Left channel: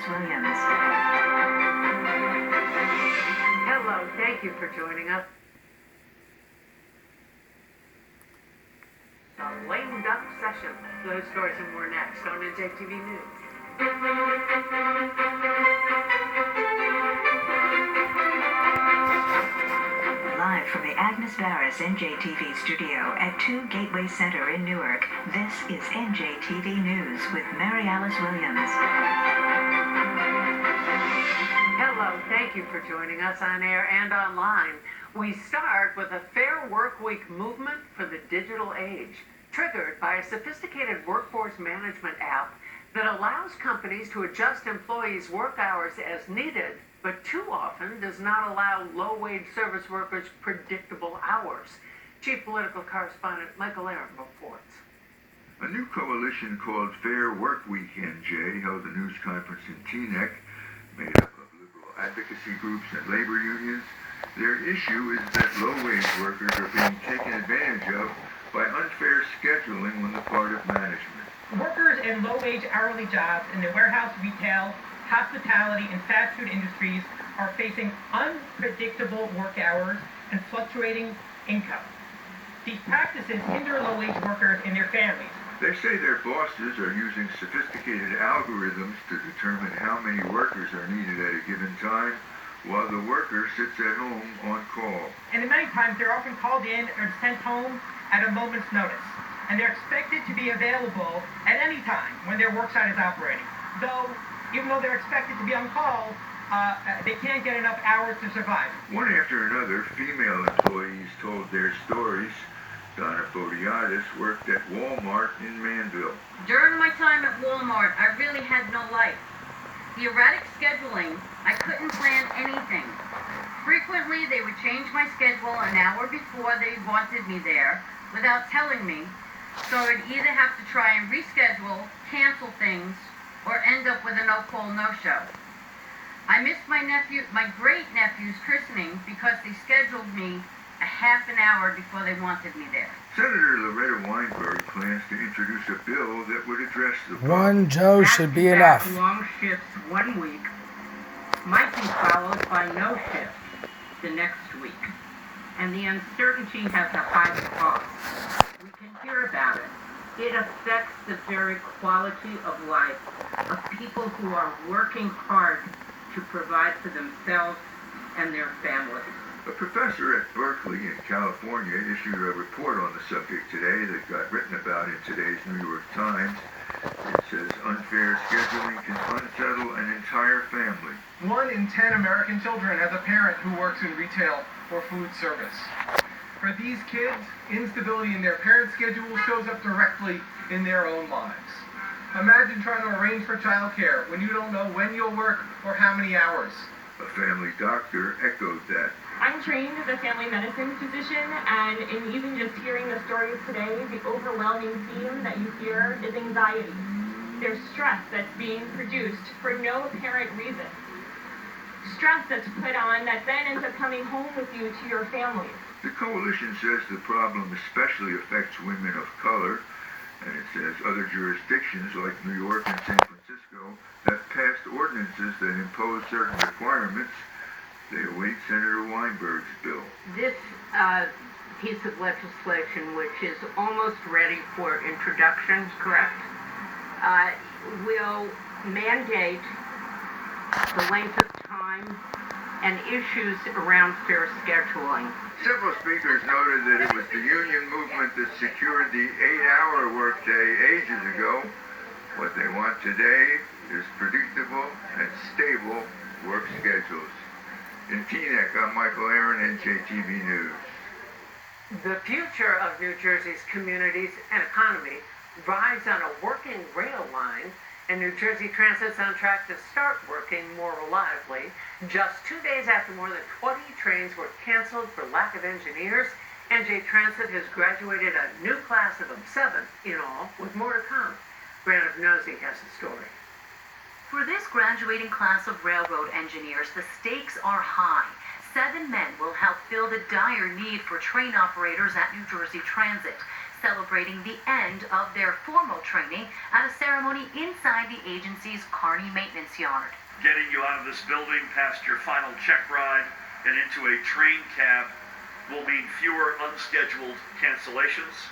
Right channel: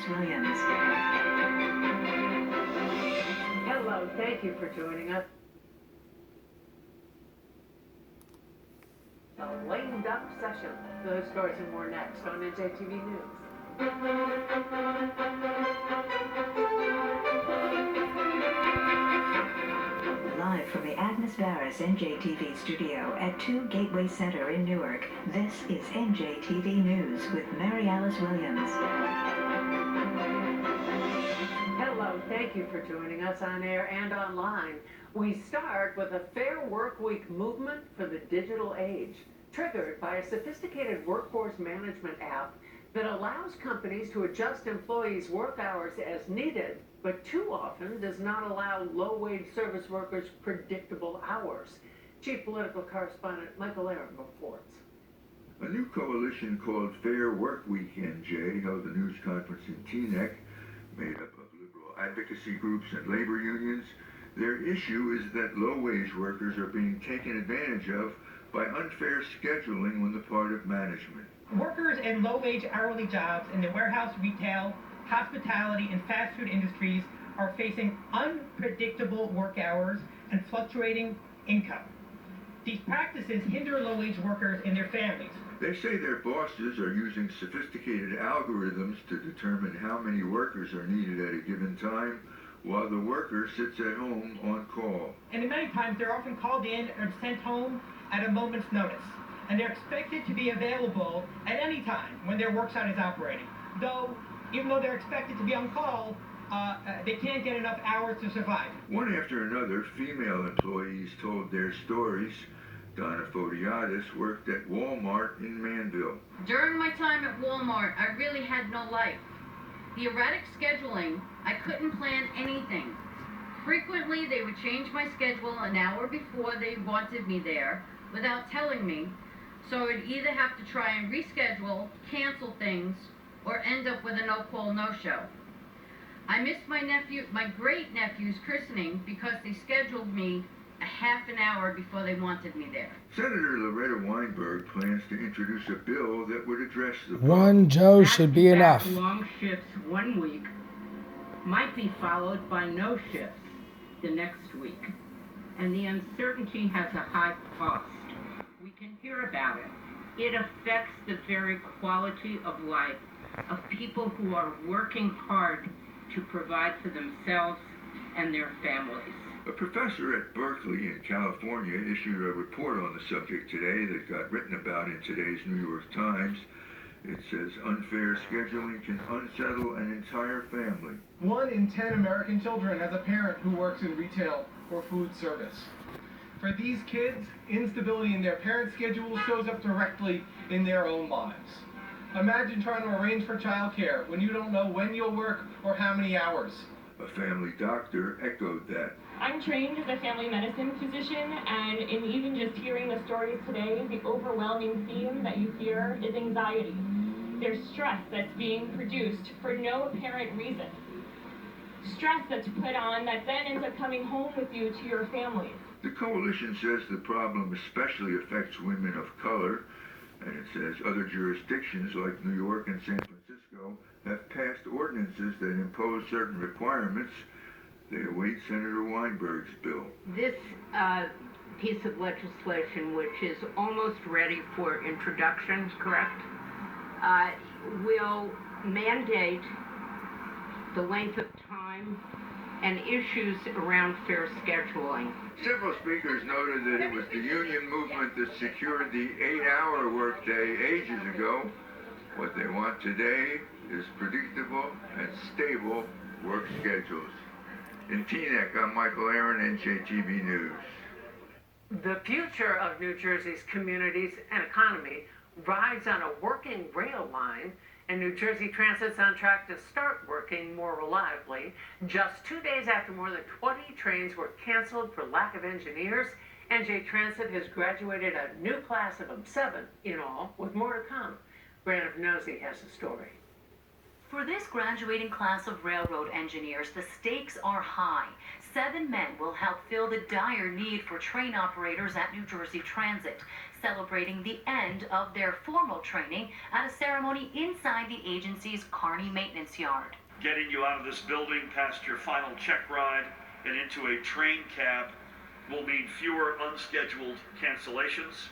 Williams. Hello, thank you for joining us. A lame duck session. Those stories and more next on NJTV News. Live from the Agnes Varus NJTV studio at 2 Gateway Center in Newark, this is NJTV News with Mary Alice Williams. Hello, thank you for joining us on air and online. We start with a Fair Workweek movement for the digital age, triggered by a sophisticated workforce management app that allows companies to adjust employees' work hours as needed, but too often does not allow low-wage service workers predictable hours. Chief Political Correspondent Michael Aaron reports. A new coalition called Fair Workweek NJ held a news conference in Teaneck, made up of liberal advocacy groups and labor unions. Their issue is that low-wage workers are being taken advantage of by unfair scheduling on the part of management. Workers in low-wage hourly jobs in the warehouse, retail, hospitality, and fast food industries are facing unpredictable work hours and fluctuating income. These practices hinder low-wage workers and their families. They say their bosses are using sophisticated algorithms to determine how many workers are needed at a given time, while the worker sits at home on call. And many times they're often called in or sent home at a moment's notice. And they're expected to be available at any time when their worksite is operating. Even though they're expected to be on call, they can't get enough hours to survive. One after another, female employees told their stories. Donna Fodiatis worked at Walmart in Manville. During my time at Walmart, I really had no life. The erratic scheduling, I couldn't plan anything. Frequently, they would change my schedule an hour before they wanted me there without telling me, so I'd either have to try and reschedule, cancel things, or end up with a no-call, no-show. I missed my great-nephew's christening because they scheduled me a half an hour before they wanted me there. Senator Loretta Weinberg plans to introduce a bill that would address the problem. One Joe should be enough. Long shifts one week might be followed by no shifts the next week, and the uncertainty has a high cost. We can hear about it. It affects the very quality of life of people who are working hard to provide for themselves and their families. A professor at Berkeley in California issued a report on the subject today that got written about in today's New York Times. It says unfair scheduling can unsettle an entire family. 1 in 10 American children has a parent who works in retail or food service. For these kids, instability in their parents' schedule shows up directly in their own lives. Imagine trying to arrange for childcare when you don't know when you'll work or how many hours. A family doctor echoed that. I'm trained as a family medicine physician, and in even just hearing the stories today, the overwhelming theme that you hear is anxiety. There's stress that's being produced for no apparent reason. Stress that's put on that then ends up coming home with you to your family. The coalition says the problem especially affects women of color, and it says other jurisdictions like New York and San Francisco have passed ordinances that impose certain requirements. They await Senator Weinberg's bill. This piece of legislation, which is almost ready for introduction, correct, will mandate the length of time and issues around fair scheduling. Several speakers noted that it was the union movement that secured the 8-hour workday ages ago. What they want today is predictable and stable work schedules. In Teaneck, I'm Michael Aaron, NJTV News. The future of New Jersey's communities and economy rides on a working rail line, and New Jersey Transit's on track to start working more reliably. Just 2 days after more than 20 trains were canceled for lack of engineers, NJ Transit has graduated a new class of 7 in all, with more to come. Brandon Nosey has the story. For this graduating class of railroad engineers, the stakes are high. 7 men will help fill the dire need for train operators at New Jersey Transit. celebrating the end of their formal training at a ceremony inside the agency's Kearney maintenance yard. Getting you out of this building past your final check ride and into a train cab will mean fewer unscheduled cancellations.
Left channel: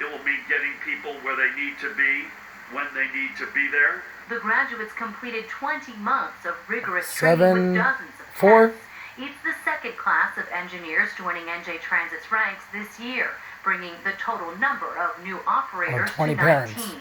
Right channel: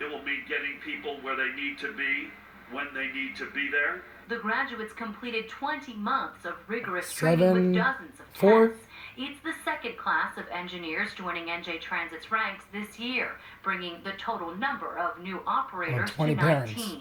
It will mean getting people where they need to be when they need to be there. The graduates completed 20 months of rigorous training with dozens of 4. tests. It's the second class of engineers joining NJ Transit's ranks this year, bringing the total number of new operators to 20 19. parents.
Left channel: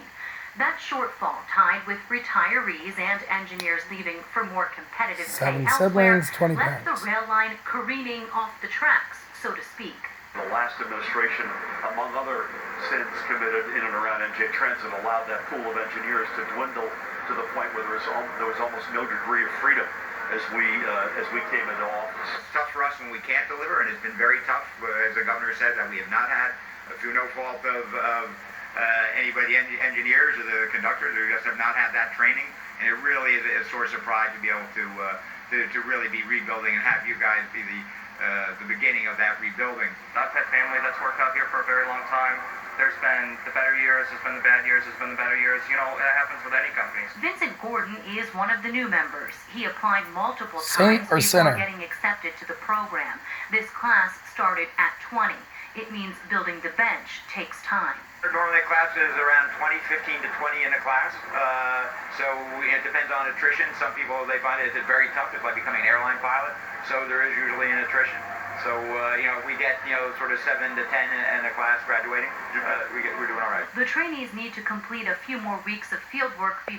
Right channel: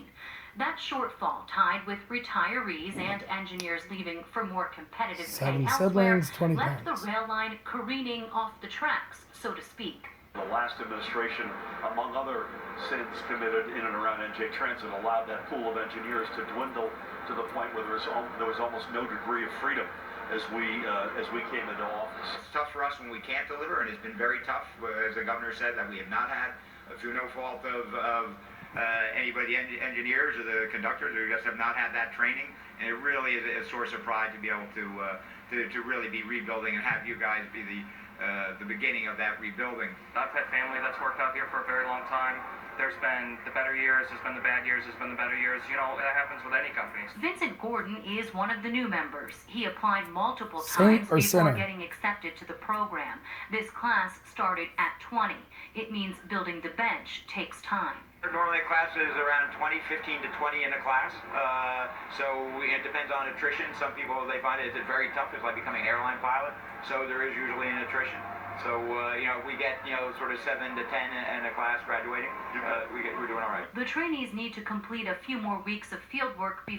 That shortfall, tied with retirees and engineers leaving for more competitive pay 7 elsewhere, siblings, 20 left parents. the rail line careening off the tracks, so to speak. The last administration, among other sins committed in and around NJ Transit, allowed that pool of engineers to dwindle to the point where there was almost no degree of freedom as we came into office. It's tough for us when we can't deliver, and it's been very tough, as the governor said, that we have not had, through no fault of anybody, engineers or the conductors, who just have not had that training. And it really is a source of pride to be able to really be rebuilding and have you guys be the beginning of that rebuilding. I've had family that's worked out here for a very long time. There's been the better years, there's been the bad years, there's been the better years. You know, it happens with any companies. Vincent Gordon is one of the new members. He applied multiple Saint times or before sinner? getting accepted to the program. This class started at 20. It means building the bench takes time. Normally a class is around 15 to 20 in a class. It depends on attrition. Some people, they find it very tough. It's like becoming an airline pilot. So there is usually an attrition. So, if we get, sort of 7 to 10 in a class graduating, we're doing all right. The trainees need to complete a few more weeks of field work